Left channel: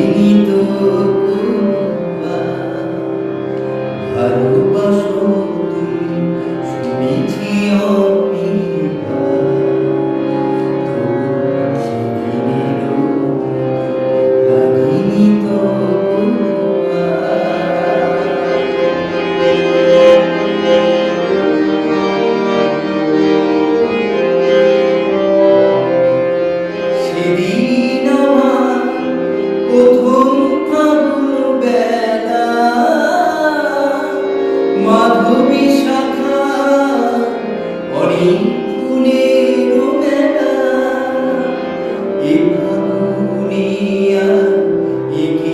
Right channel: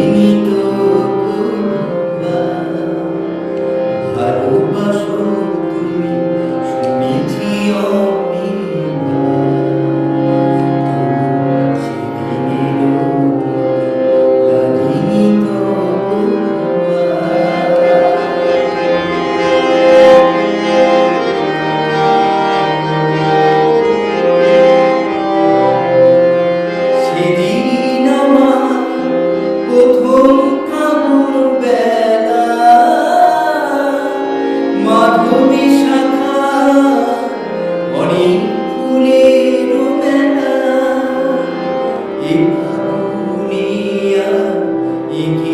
লাগিনি তো ভালোবাসো তুমি শুনেছি অমৃতা সেদিনেরও লাগিনি তো সেদিন আমার প্রথম ফাগুন বেলা মাধবী শাখা অনেক ফুলের মেলা এ ফাগুনে আর এ